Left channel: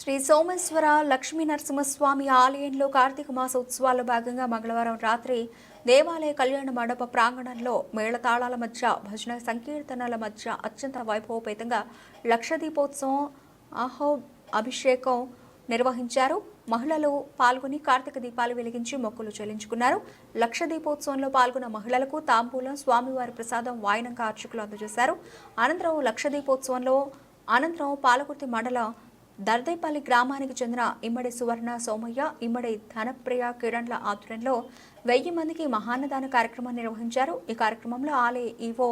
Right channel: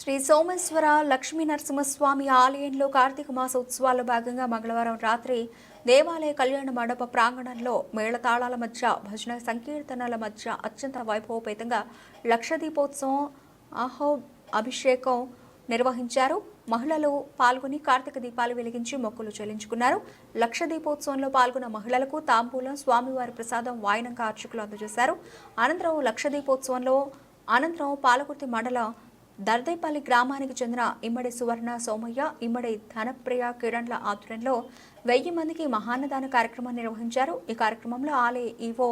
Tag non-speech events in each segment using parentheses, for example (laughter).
శ్రీ సోమేశ్వర లక్ష్మీ నరసింహస్వామి ఆలయంలో కార్తీక మాస ఉత్సవాల భాగంగా మంగళవారం రాత్రి దేవాలయ కళ్యాణ మండప ప్రాంగణంలో మేళతాళాల మధ్య భజన సంకీర్తనల మధ్య అత్యంత లక్ష లక్షదీపోత్సవం అహో అభిషేకం నిర్వహించారు మహిళలు పాల్గొని కార్తీక దీపాలు వెలిగించి మొక్కులు చెల్లించుకున్నారు లక్ష దీపోత్సవంలో పాల్గొన్న మహిళలకు తాంబూలం స్వామివారి ప్రసాదం వాయనంగా అర్చకులు అందజేశారు అనంతరం దీపోత్సవంలో అనంతరం పాలకుర్తి మండల దర్దైపల్లి గ్రామానికి చెందిన ఇమ్మడి సువర్ణ సోమయ్య ఇమ్మడి ధనప్రియ కిరణ్ల ఆధ్వర్యంలో వెయ్యి మందికి మహాన్నదాన కార్యక్రమం నిర్వహించారు ఈ కార్యక్రమంలో ఆలయ ఈవో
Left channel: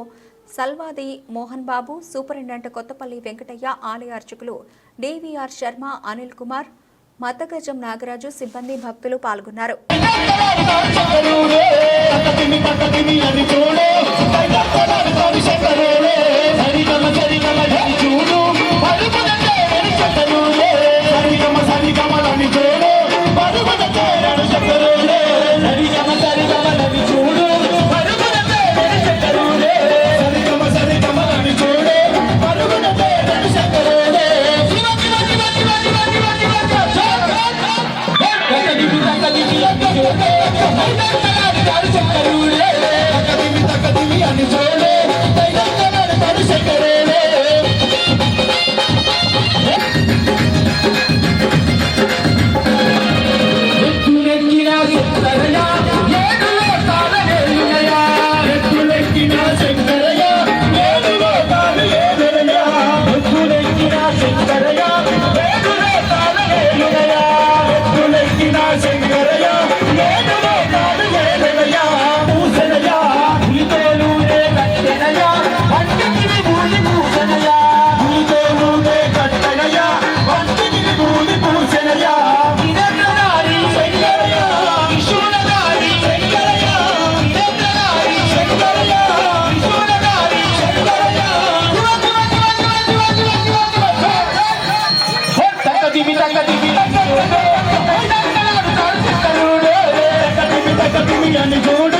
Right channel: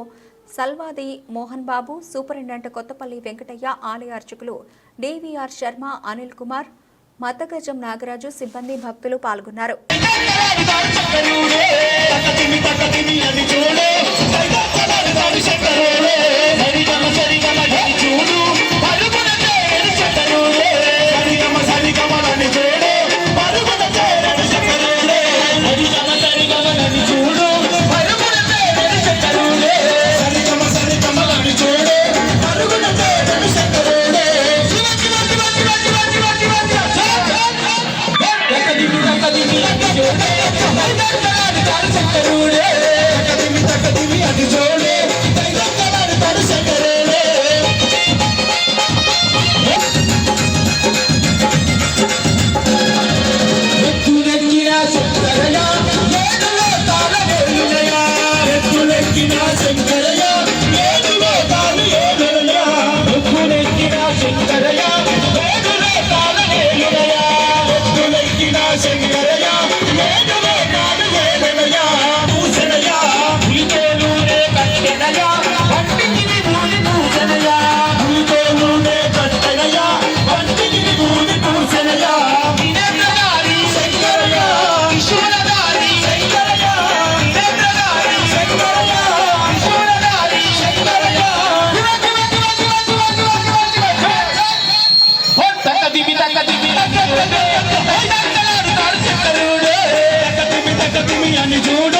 సల్వాది మోహన్ బాబు సూపరింటెండెంట్ కొత్తపల్లి వెంకటయ్య ఆలయ అర్చకులు డివిఆర్ శర్మ అనిల్ కుమార్ మతగజం నాగరాజు సిబ్బంది భక్తులు పాల్గొన్నారు you (laughs) gonna the it.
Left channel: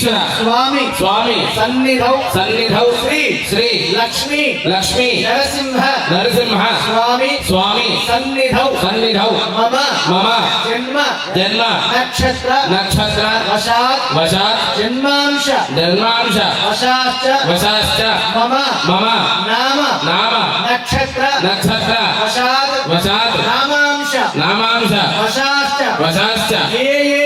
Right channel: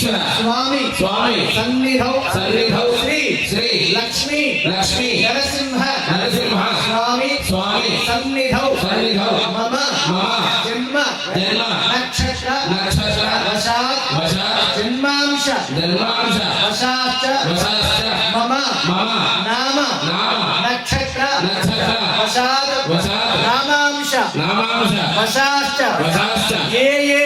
ईश्वर स्वामी स्वामी सन्निध सन्निध श्री श्री लक्ष्मी लक्ष्मी नरसिंह नरसिंह स्वामी स्वामी सन्निध सन्निध मम मम जन्म जन्म नक्षत्र नक्षत्र वशा वशात जन्माश जन्मांश वशाच वशाच मम मम नाम नाम नक्षत्र नक्षत्र वशात वशात नामांश नामांश वशाच वशाच ये ये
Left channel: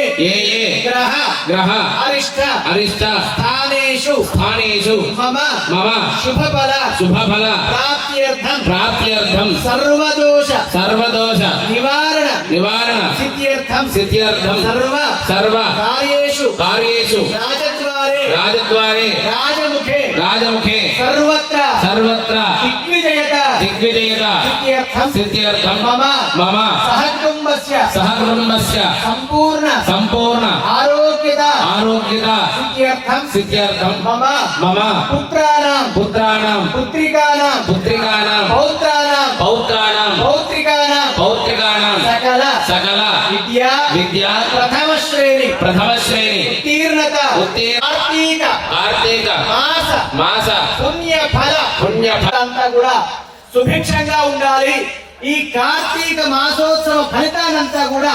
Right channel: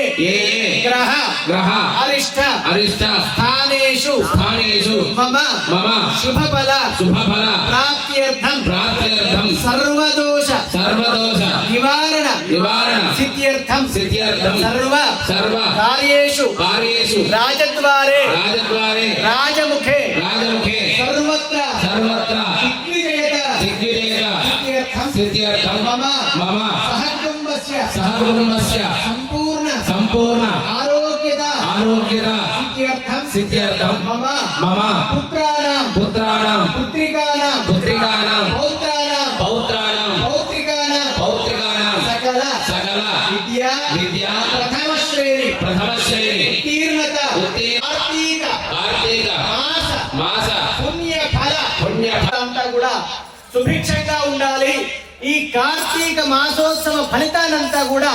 ग्रह ग्रह अरिष्ट अरिष्ट स्थानेषु स्थानेषु मम मम शुभफल शुभफल प्राप्त्यर्थं प्राप्त्यर्थं सर्वदोष सर्वदोष निवारण निवारण सिद्ध्यर्थं सिद्ध्यर्थं सर्व सर्व कार्येषु कार्येषु राजद्वारे राजद्वारे राजमुखे राजमुखे सर्वत्र सर्वत्र दिग्विजयता दिग्विजयता सिद्ध्यर्थं सिद्ध्यर्थं मम मम सहकुम्भस्य सहकुम्भस्य संपू సంపూర్ణ ఆరోగ్యత ఆరోగ్యత సిద్ధ్యర్థం సిద్ధ్యర్థం మమ మమ పుత్రాన పుత్రాణ పుత్రికాన పుత్రికాణ పౌత్రాణ పౌత్రాణ పౌత్రికాణ సకల సకల విద్యా విద్య ప్రథమ శ్రేణి ప్రథమ శ్రేణి ఉత్తీర్ణత ఆర్థిక ఆర్థిక మాస మాస పుణ్య ఫల పుణ్య ఫల అంతా కూడా సుభిక్షంగా ఉండాలి ఈ కార్తీక మాసోత్సవ ఫలితానంతా కూడా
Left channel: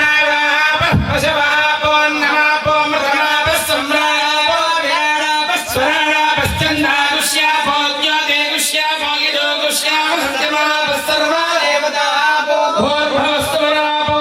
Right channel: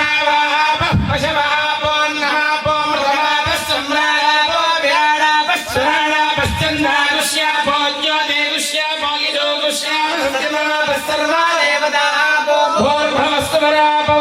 संधा फोल्योेशा